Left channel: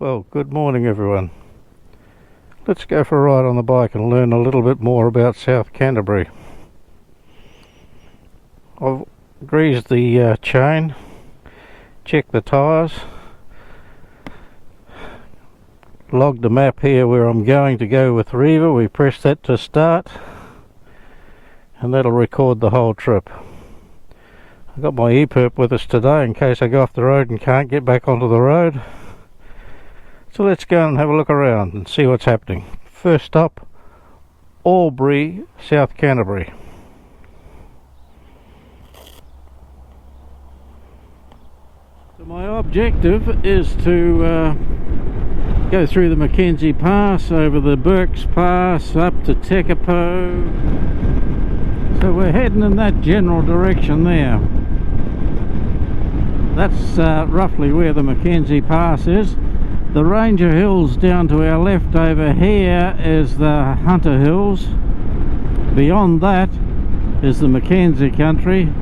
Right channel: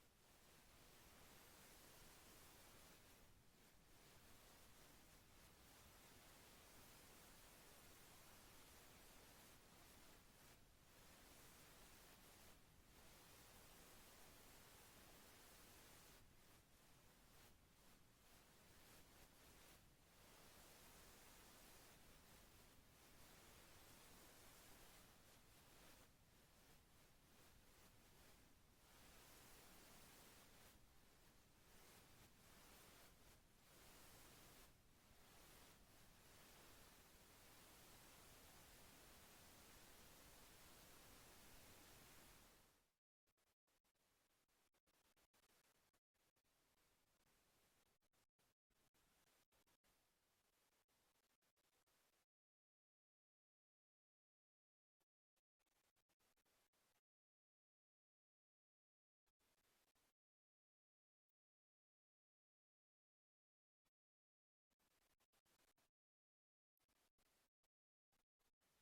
Well, good morning everyone. Let's go for a ride on the bike and learn a little bit more about South Canterbury. I've greased the chain, checked the tyres, logged the map here where I'm going to go with Riva. We press that to start and that'll record the whole trip. I've got my e-perp with us today in case I go off the road and can't get back onto the road. So let's go and have a look around and see what's happening. First stop, Albury, South Canterbury. So my objective is to go through the McKenzie Pass, over the Burke's Pass, up to Tekapo. So we're heading in that general direction there. That's roughly where the McKenzie Pass is. The Ranger Hills down to our left over here is the Hunter Hills. Beyond that is the McKenzie country,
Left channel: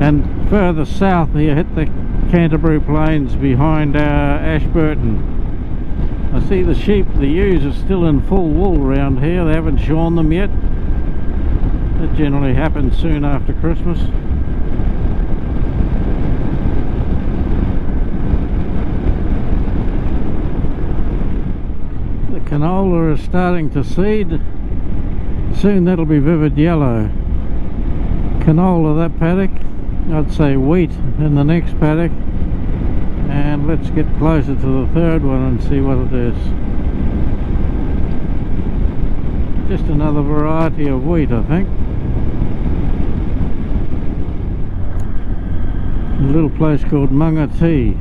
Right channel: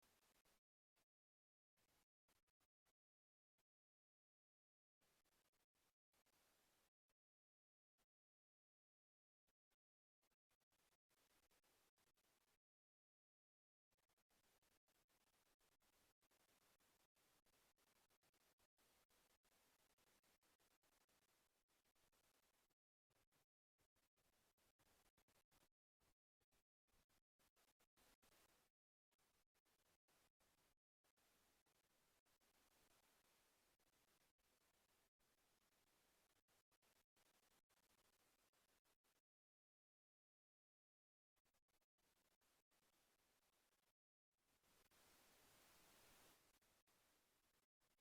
and further south here hit the Canterbury Plains behind Ashburton. I see the sheep, the ewes are still in full wool around here. They haven't shorn them yet. That generally happens soon after Christmas. Canola is starting to seed. Soon that'll be vivid yellow. Canola that paddock. I'd say wheat in the next paddock. And let's get closer to the third one and see what it is. Just another variety of wheat, I think. A little place called Mangati.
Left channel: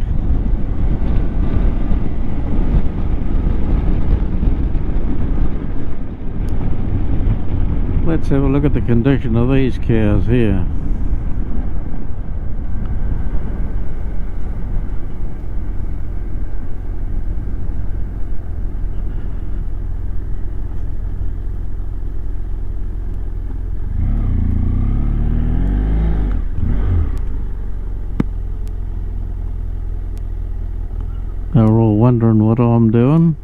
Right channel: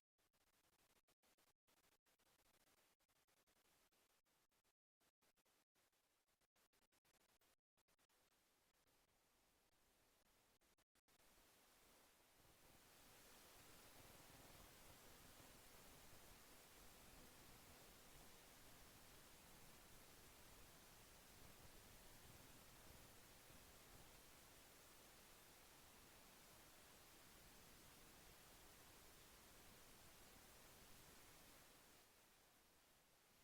Let's have a look at the condition of these cows here. They're all wondering what I'm doing.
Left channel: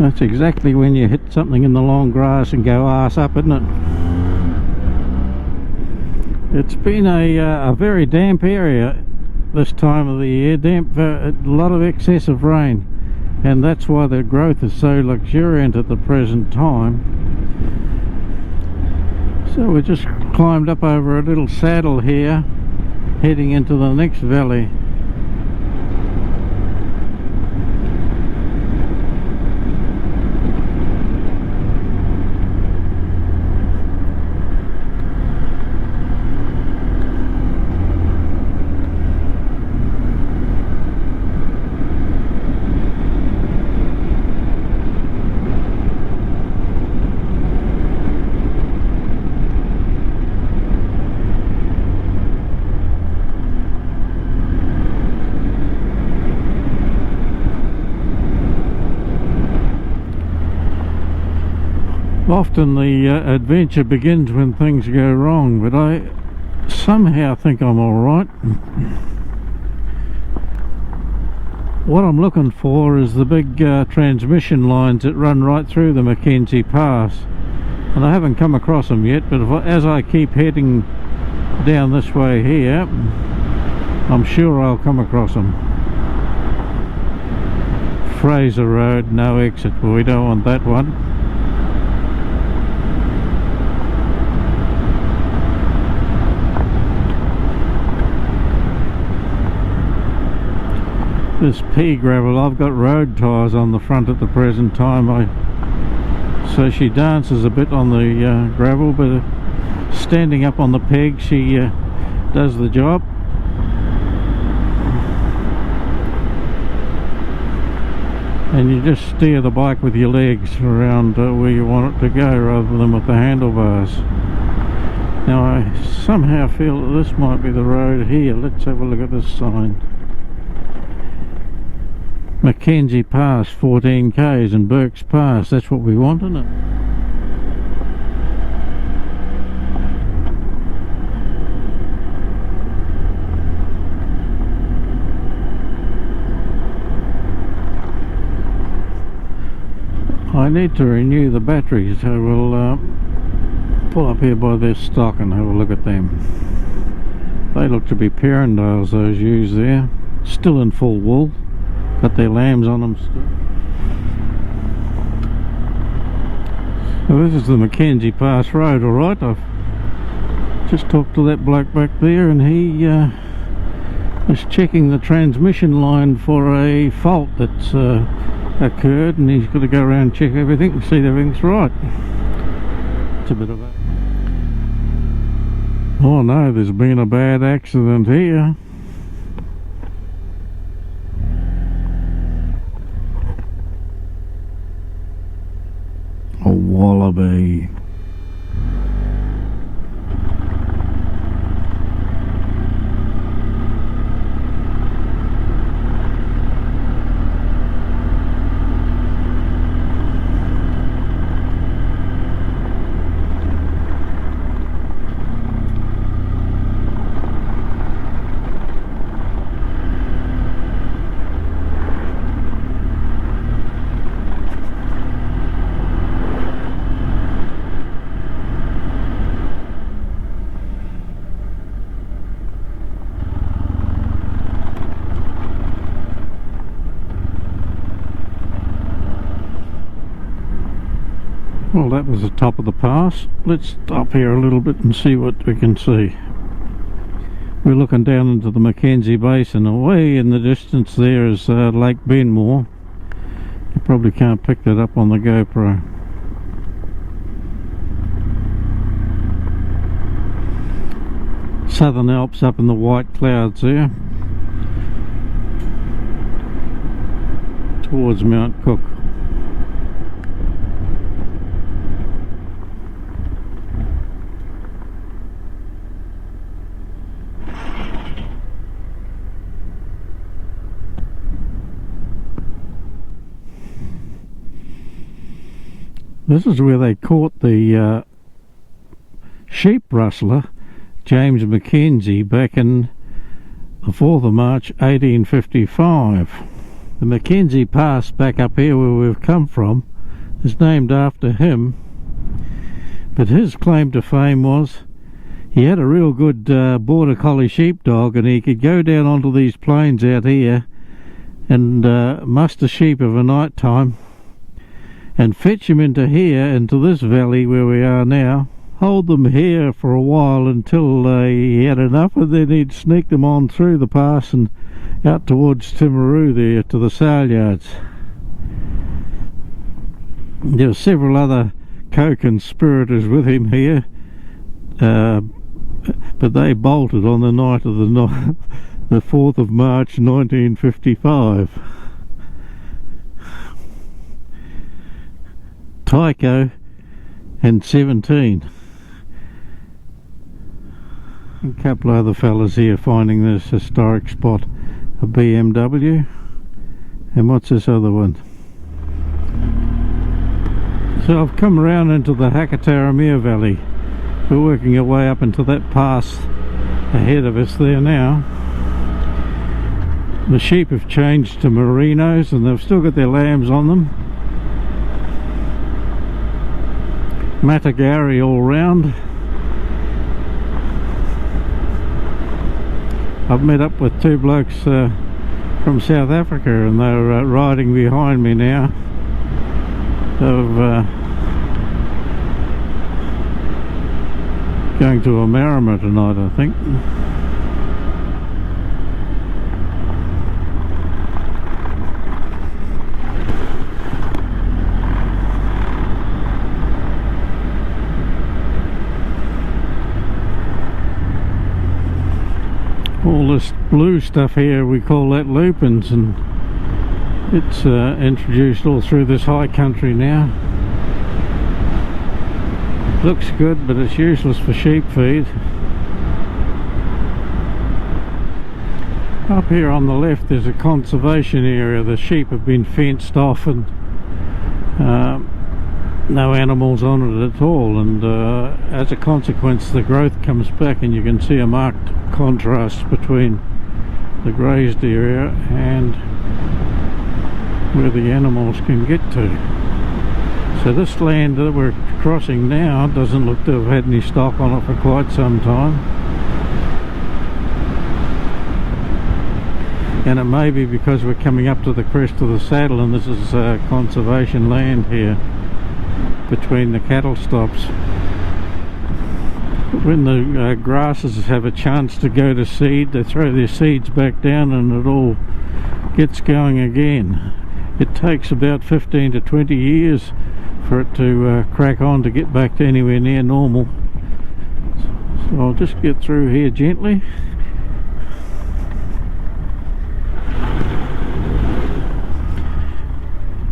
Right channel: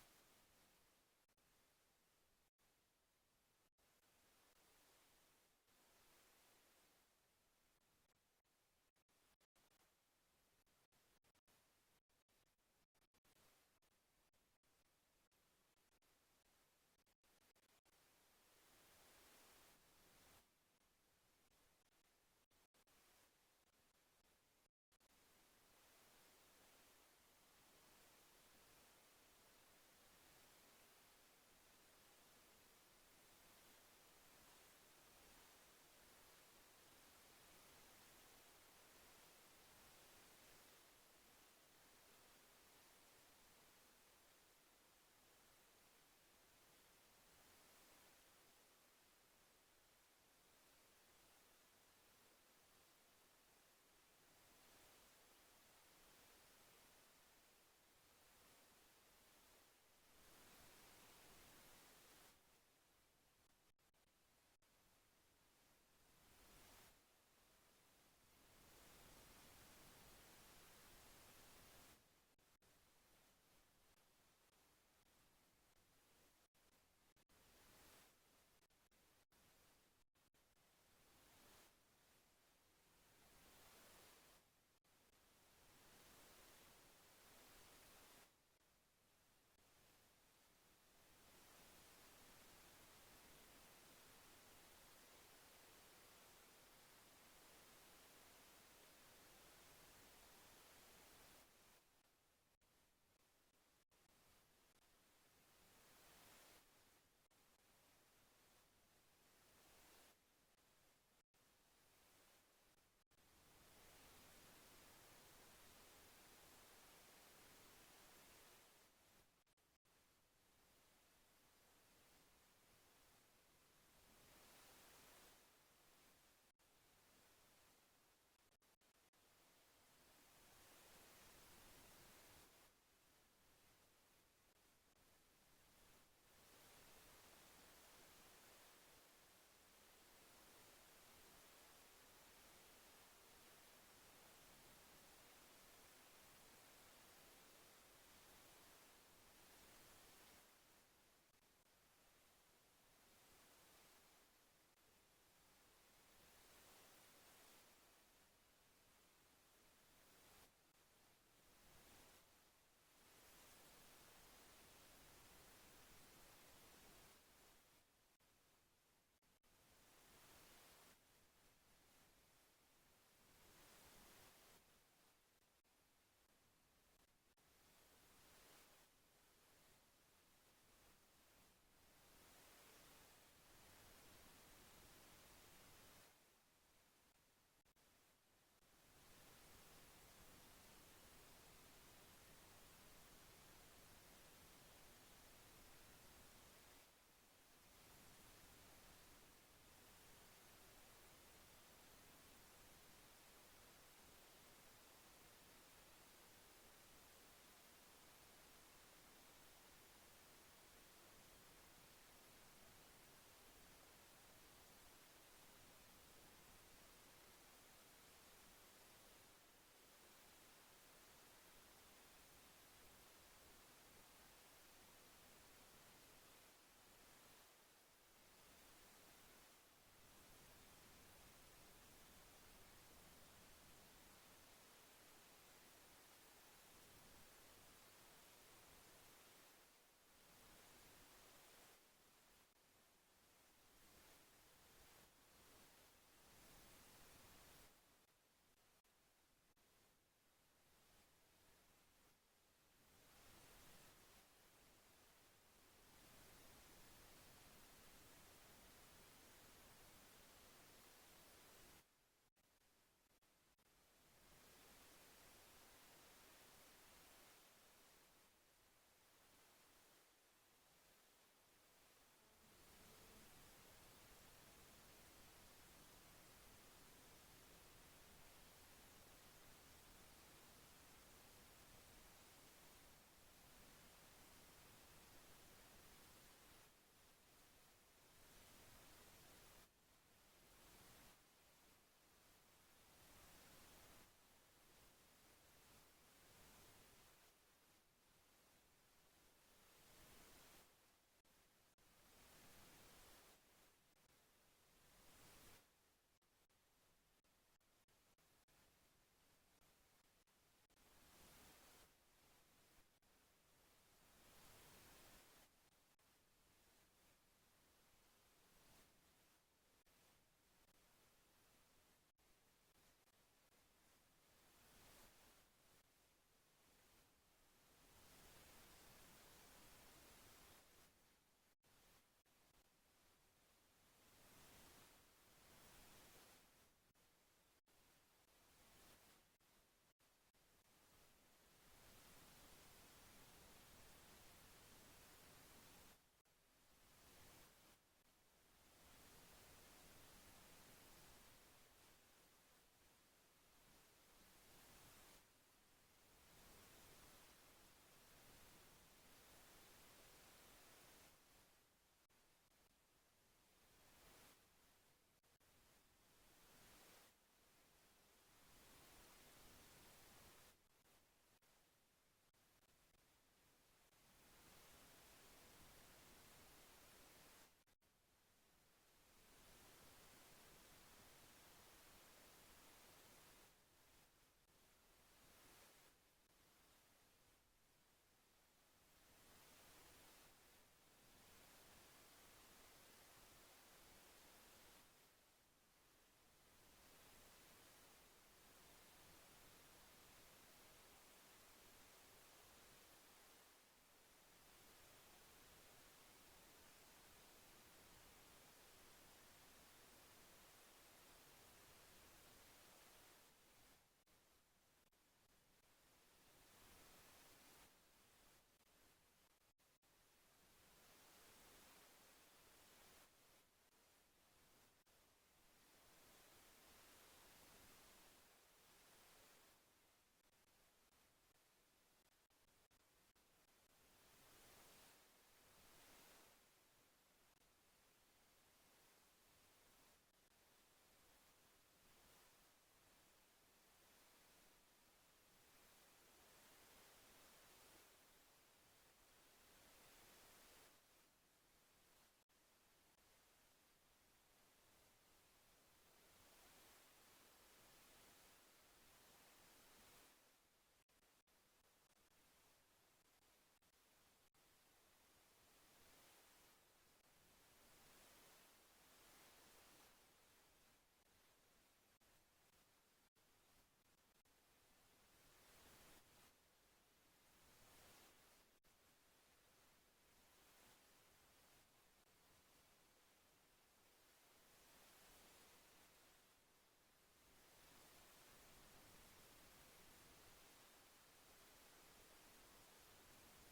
That's exactly when you hit something in the long grass and go arse up, isn't it? It's been a very damp area this time of the year, a lot of excessive rain, and that's why the growth is so luxuriant at the present time. So we just climbed up over a little saddle here, heading into the next valley. Often the adventure begins when things go wrong, but I somehow think I'm alright. What I'm looking for is the big transmission lines that run right through the McKenzie Pass, and I haven't come across them yet, but as I keep heading down this way here, I'm sure I'll come across them. Fraser Road, no exit, but we don't want that one. This pea gravel, I've got road tyres on the front at the present time, so she dances a bit on the gravel, but standing up on the peg she does the job. And you just steer the bike with your legs around where you want it to go rather than with the handlebars. Now I somehow feel that this might be the road here. Let's have a look at this sign. McKenzie Pass 14 k's and Burke's Pass, that's what we want, isn't it? I need to renew the batteries, so we'll pull up here by their stock and have a look at them. They look to be Perendales, those ewes there, still in full wool, got their lambs on them still. So this is the McKenzie Pass road, alright. I've just talked to that bloke back there, and he was checking the transmission line for a fault that's occurred, and he's got to go around and check everything and see that everything's right. It's a bit of a... Oh no, there's been a bad accident here. A wallaby. Well, that was the top of the pass. Let's stop here a little bit and see what we can see. We're looking down into the McKenzie Basin. Away in the distance there is Lake Benmore. You probably can't pick that up on the GoPro. Southern Alps up in the white clouds there, towards Mount Cook. This is where they caught the sheep rustler, James McKenzie, back in the 4th of March 1855. The McKenzie Pass back up here where we've come from is named after him, but his claim to fame was he had a real good border collie sheepdog, and he could go down onto these plains out here and muster sheep of a night time and fetch them into here, into this valley where we are now, hold them here for a while until he had enough, and then he'd sneak them on through the pass and out towards Timaru there to the sale yards. There were several other co-conspirators with him here, but they bolted on the night of the 4th of March 1955. Tycho and 17. A couple of other fellas here finding this historic spot. A BMW, and what's this other one? So I've come around into the Hakataramea Valley. We're working our way up into that pass ahead of us there now. The sheep have changed to merinos, and they've still got their lambs on them. Matagari all round. I've met up with two blokes from South Africa, and they're riding behind me now. Of going to Amarama tonight, I think. All this blue stuff here, we call that lupins, and it's introduced all through this high country now. Looks good, but it's useless for sheep feed. Up here on the left there's a conservation area. The sheep have been fenced off, and no animals on it at all, and as a consequence the growth comes back, and you can see a marked contrast between the grazed area and where the animals can get to. So this land that we're crossing now doesn't look to have had any stock on it for quite some time. And it may be because we're coming up to the crest of the saddle and this is conservation land here between the cattle stops. When the grasses have a chance to go to seed, they throw their seeds back down and it all gets going again. It takes about 15 to 20 years for it to crack on to get back to anywhere near normal. So I'll just get through here gently.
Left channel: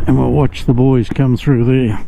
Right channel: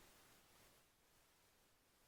And we'll watch the boys come through there.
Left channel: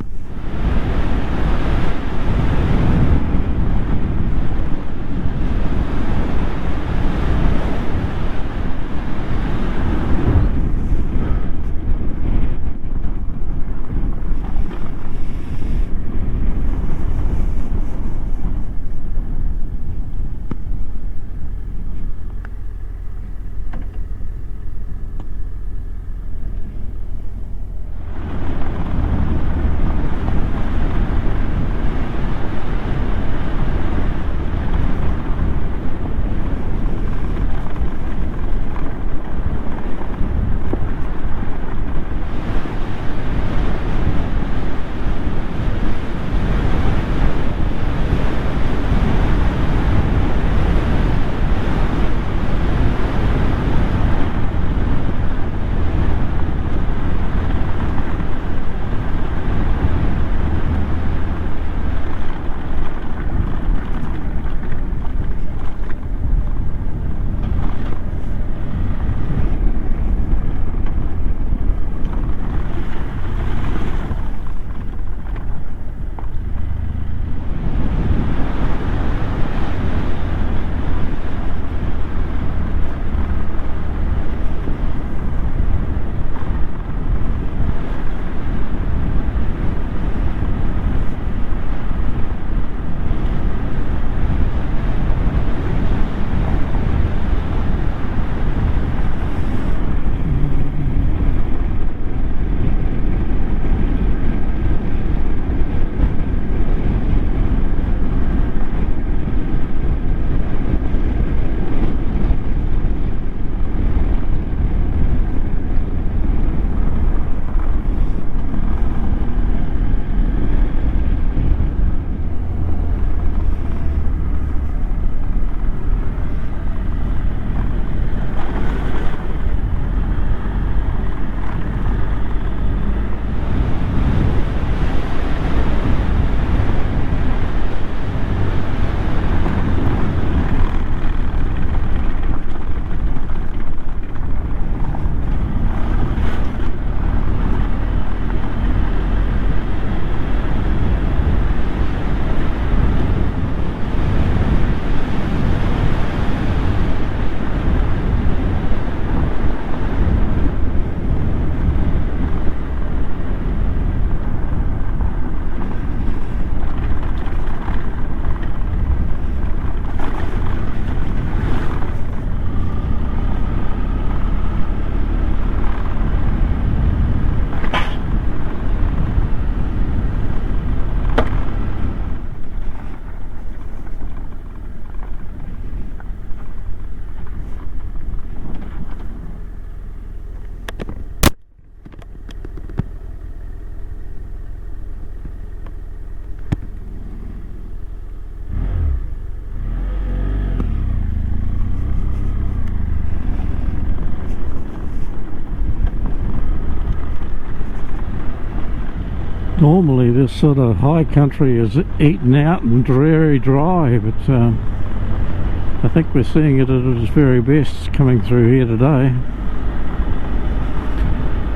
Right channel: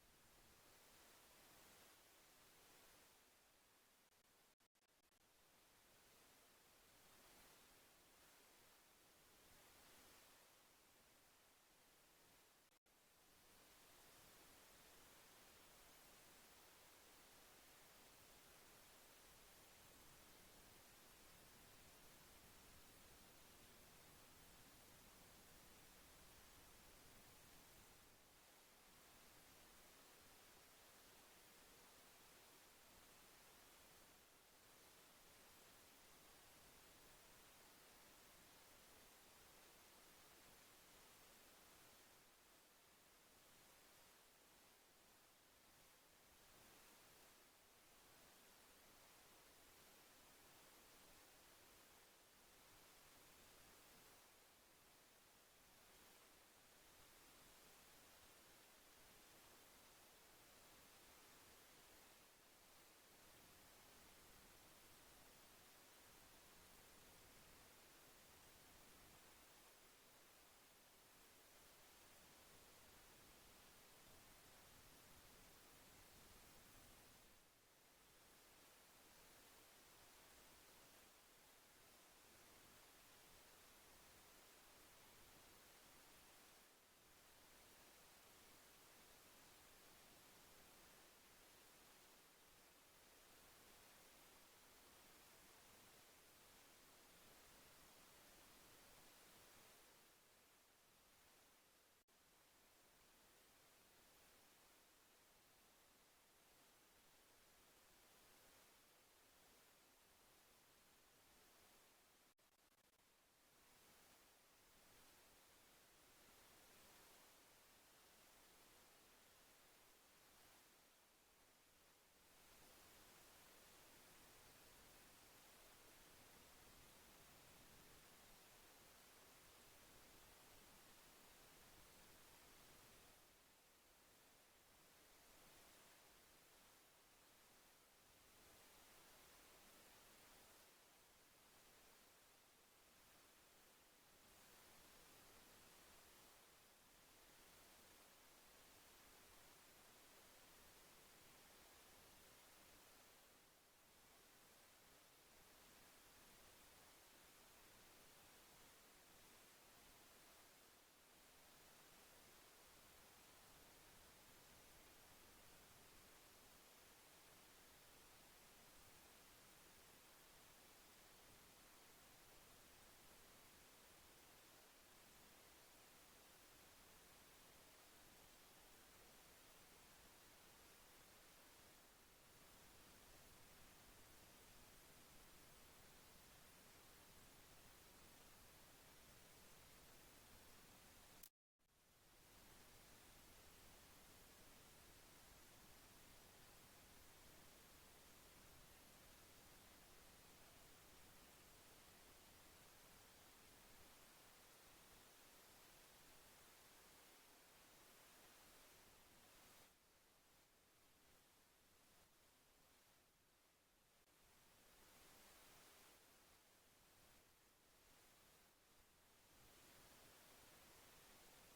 Normally this sort of high country is eaten out and very dry, but I think we're seeing it at its very best coming through here today.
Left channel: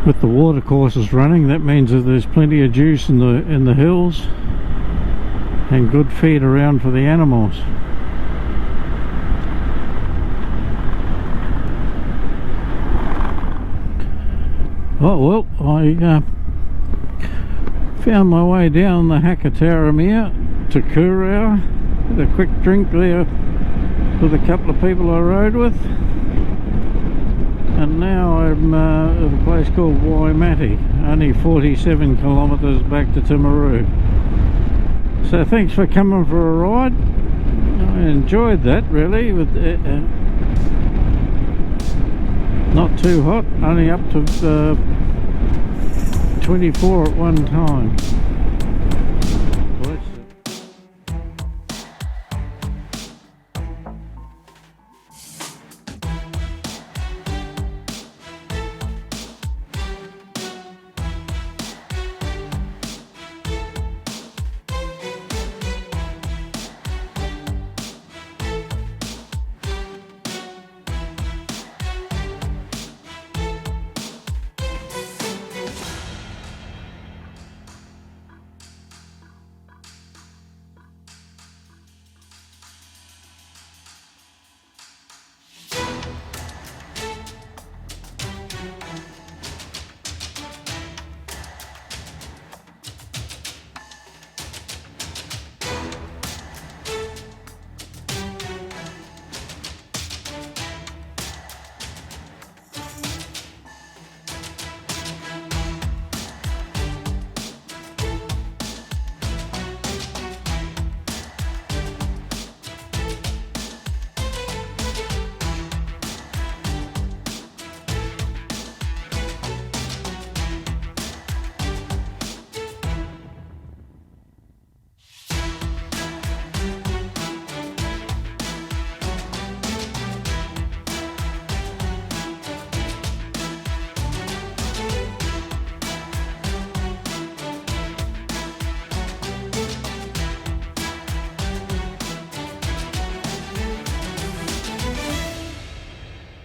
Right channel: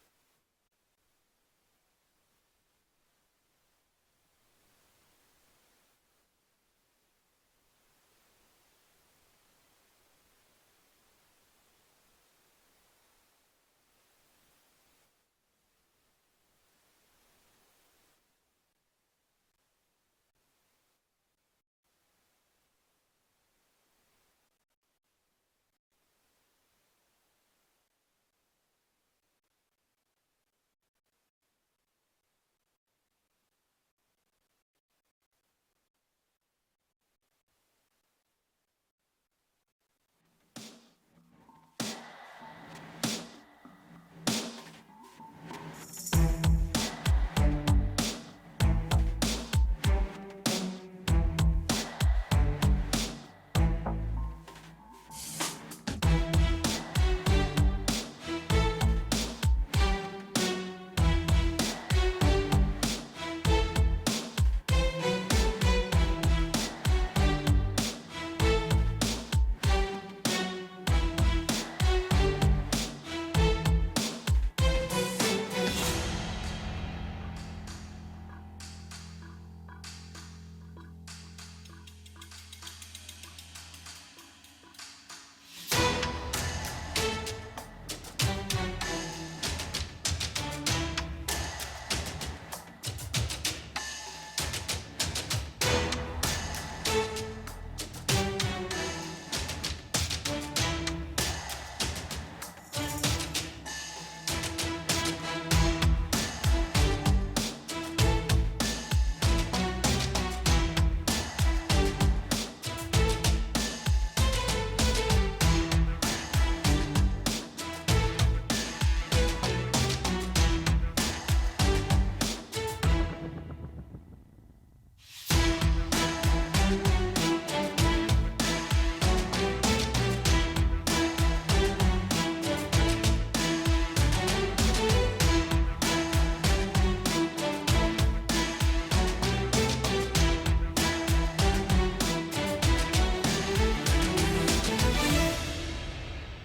With the water courses running, that means that there's plenty of juice in the hills and good feed around for the animals. Oh well, I found my way down the Hakataramea to Kurow. Had a quick drink there with a couple of people I rode with, and now I'm at a place called Waimati. only 47 kilometres back to Timaru. So thanks for coming for a ride. I enjoyed that really, with not too hot, only up to 24 at one time.